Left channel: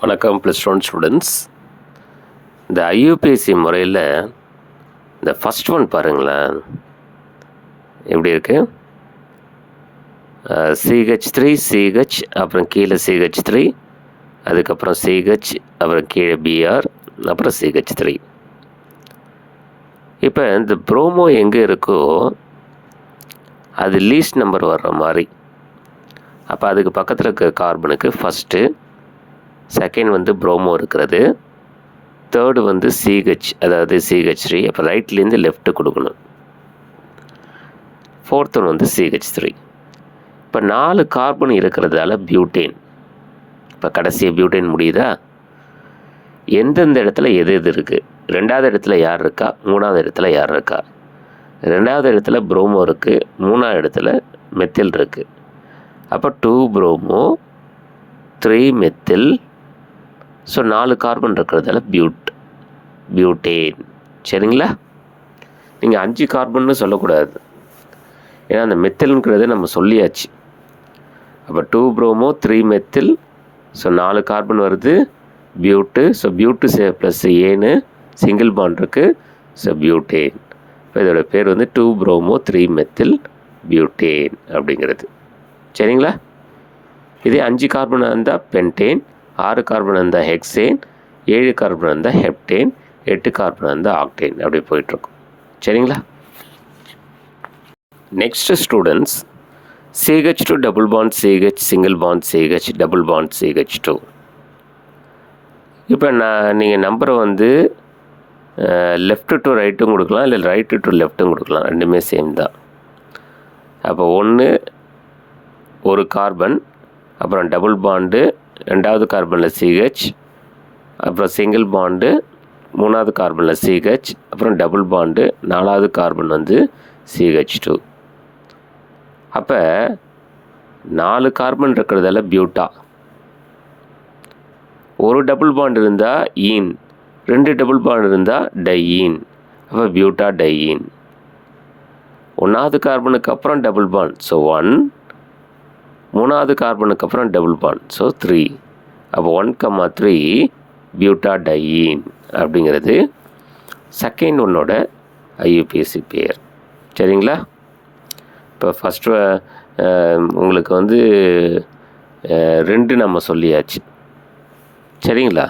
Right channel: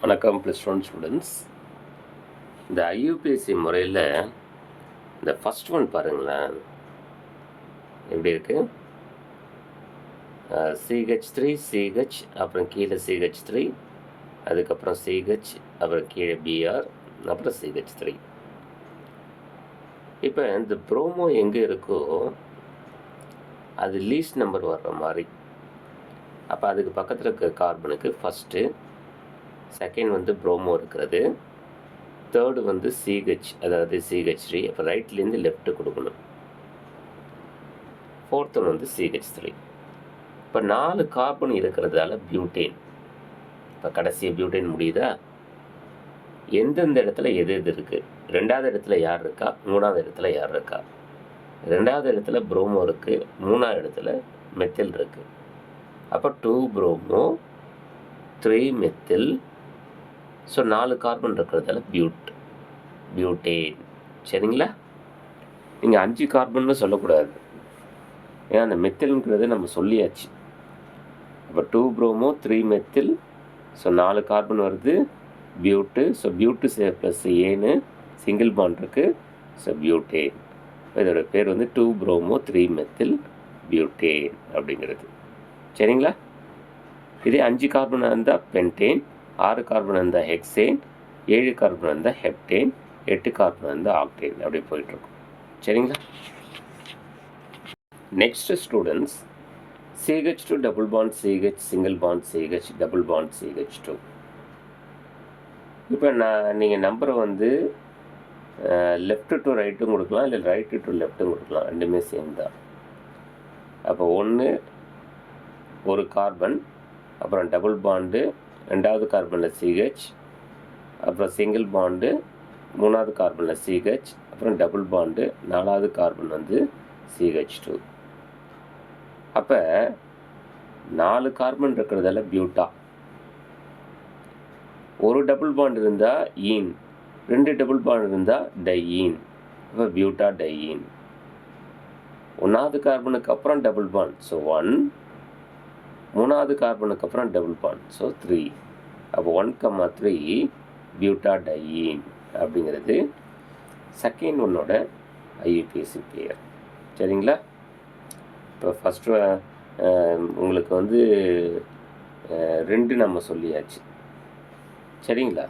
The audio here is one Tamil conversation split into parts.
வணக்கம் +1 ஸ்டூடெண்ட்ஸ். இந்த ஐயூபிஎஸ்சி முறையில் இந்த ஃபஸ்ட் ஒன் பாருங்களேன், எப்படி இருக்குது? CH3 CH அப்புறம் கீழே CH3, அதுக்கப்புறம் CH அப்புறம் கீழே BR அப்புறம் CH3. இப்போ இந்த ப்ரோமோ எங்கே இருக்கோ அது லீஸ்ட் நம்பர் வர்ற மாதிரி. அப்போ அதுக்கு பக்கத்தில் இருக்க கார்பனுக்கு ஃபஸ்ட்டு, செகண்ட் வந்து ப்ரோமோ இருக்கிறது, தேர்டு வந்து CH அதாவது CH3, அப்போ ரைட்லேருந்து லெஃப்ட்டு கொடுக்கணும். ஃபோர்த் ஒன் வந்து CH3. இப்போ 4 கார்பன் இருக்கிறதால பியூட்டேன். இப்போ கடைசி பியூட்டேன் முடியுதா? எந்தெந்த இடத்துல எது எது இருக்குது? 2வது இடத்துல யார் இருக்கா? 3வது இடத்துல யார் இருக்கா? 2வது இடத்துல ப்ரோமோ இருக்குது, 3வது இடத்துல மெத்தில் இருக்குது. அப்போ 2 ப்ரோமோ 3 மெத்தில். ஸோ 4 கார்பன் இருக்கிறதால பியூட்டேன். சரிங்களா? நீங்கள் 5 கார்பன்னு சொல்லக்கூடாது, ஏன்னா அந்த மெத்தில்ங்கிறத நம்ம சொல்லியாச்சு. அப்போ 2 ப்ரோமோ 3 மெத்தில். ஸோ 4 கார்பன் வருது, பியூட்டு. ஸோ பியூட்டு ப்ளஸ் ஏன்னு சிங்கிள் பாண்ட் இருக்குது, ஸோ பியூட்டேன். இப்போ இதோட பேர் வந்து 2 ப்ரோமோ 3 மெத்தில் பியூட்டேன் அப்படிங்கிறது. சரிங்களா? இதே 5 கார்பனாக இருந்தால் பென்டேன், 6 கார்பன் இருந்தால் ஹெக்சேன், 7 கார்பன் இருந்தால் ஹெப்டேன், 8 கார்பன் இருந்தால் ஆக்டேன், அப்படி போயிட்டுருக்கும். சரிங்களா? Next students, CH2 double bond CH, single bond CH, double bond CH2. இப்போ நீங்கள் நம்பரை வந்து லெஃப்ட்டு டு ரைட்டும் கொடுக்கலாம், இல்லை ரைட்டு டு லெஃப்ட்டும் கொடுக்கலாம், ரெண்டுமே சேம் தான். அப்போ 1 ஒரு கார்பன், அப்புறம் டபுள் பாண்டு 2வது கார்பனில் CH, அப்புறம் சிங்கிள் பாண்டு 3வது கார்பனில் CH, அப்புறம் டபுள் பாண்டு 4வது கார்பன் வந்து CH2. அப்போ 4 கார்பன் இருக்கிறதால பியூட்டா. ஒரு டபுள் பாண்ட் இருந்தால் ஈன், 2 டபுள் பாண்ட் இருந்தால் டையீன். அப்போ பியூட்டா டையீன். 1வது கார்பனுக்கு அப்புறம் டபுள் பாண்ட், ஸோ 1. 3வது கார்பனுக்கு அப்புறம் டபுள் பாண்ட், ஸோ 3. அப்போ 1,3 பியூட்டா டையீன் அப்படிங்கிறது செகண்ட் ஒன்னோட ஐயூபிஎஸ்சி பேர். சரிங்களா? இப்போ ஃபஸ்ட்டு உங்களுக்கு வந்து 2 நம்ம சொல்லியாச்சு. சரிங்களா?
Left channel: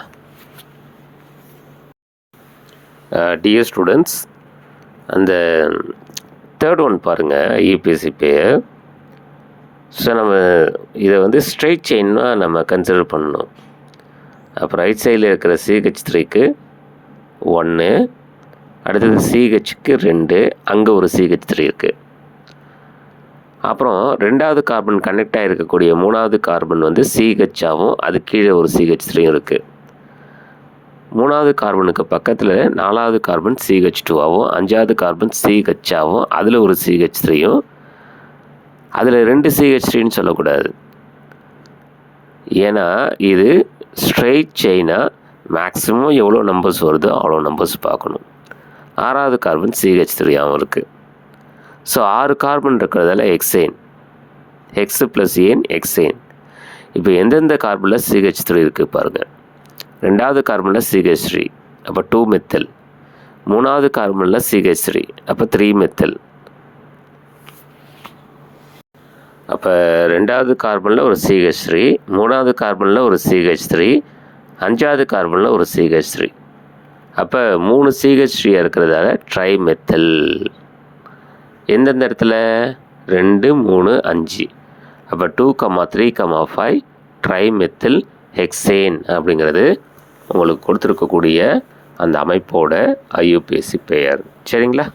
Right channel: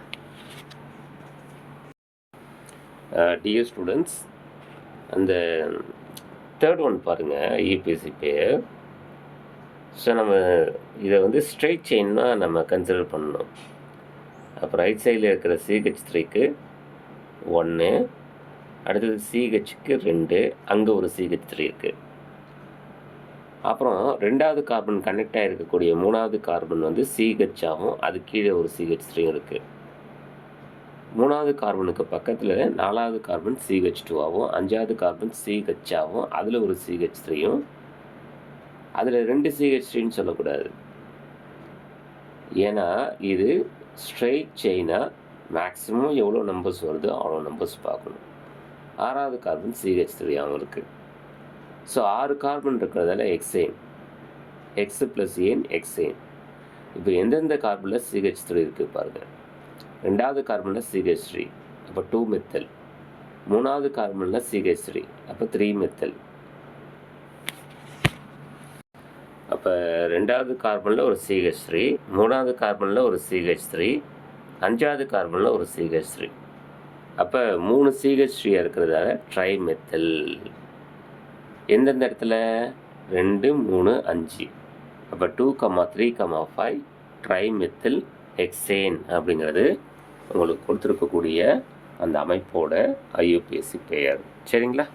டியர் ஸ்டூடெண்ட்ஸ், அந்த தேர்ட் ஒன் பாருங்கள், ஐயூபிஎஸ்சி பேர். ஸோ நம்ம இதை வந்து ஸ்ட்ரெயிட் செயின்னா நம்ம கன்சிடர் பண்ணணும். அப்போ ரைட் சைடில் இருக்கிற CH3க்கு 1, அடுத்தது CHக்கு 2, அங்கே ஒரு CH3 இருக்குது. அப்புறம் 2வது கார்பன் கனெக்ட் ஆகிருக்கக்கூடிய 3வது கார்பன் வந்து CH ஆகும், அது கீழே ஒரு CH3 இருக்குது. 3வது கார்பனுக்கு பக்கத்தில் 4வது கார்பன் CH2 ஆகும், 5வது கார்பன் CH ஆகும், அதில் ஒரு CH3யும், அதில் 2 CH3ன்னு சொல்லக்கூடாது, ஏன்னா இது ஸ்ட்ரெயிட் செயினாக மேக்ஸிமம் எவ்வளோ நம்பர்ஸ் வருதோ அவ்வளோ நம்பர்ஸ் பார்க்கணும். 6வது கார்பன் CH3 ஆகும் இருக்குது. ஸோ 6 கார்பன் இருக்கிறதால ஹெக்சேன், ஹெக்ஸ் ப்ளஸ் ஏன் ஹெக்சேன். இப்போ எந்தெந்த கார்பனில் CH3 இருக்குது பாருங்கள். 2வது கார்பனில் CH3, அப்போ 2 மெத்தில். 3வது கார்பனில் CH3, அப்போ 3 மெத்தில். அப்போ 2வது கார்பனில் ஒரு CH3, 3வது கார்பனில் ஒரு CH3, 5வது கார்பனில் ஒரு CH3. அப்போ 3 CH3 இருக்கிறதால ட்ரைமெத்தில். எந்தெந்த இடத்துல? 2, 3, 5. அப்போ 2,3,5 ட்ரைமெத்தில் ஹெக்சேன் அப்படிங்கிறது உங்களுக்கு கொடுத்துருக்கக்கூடிய அந்த அமைப்போட ஐயூபிஎஸ்சி பெயர். சரிங்களா?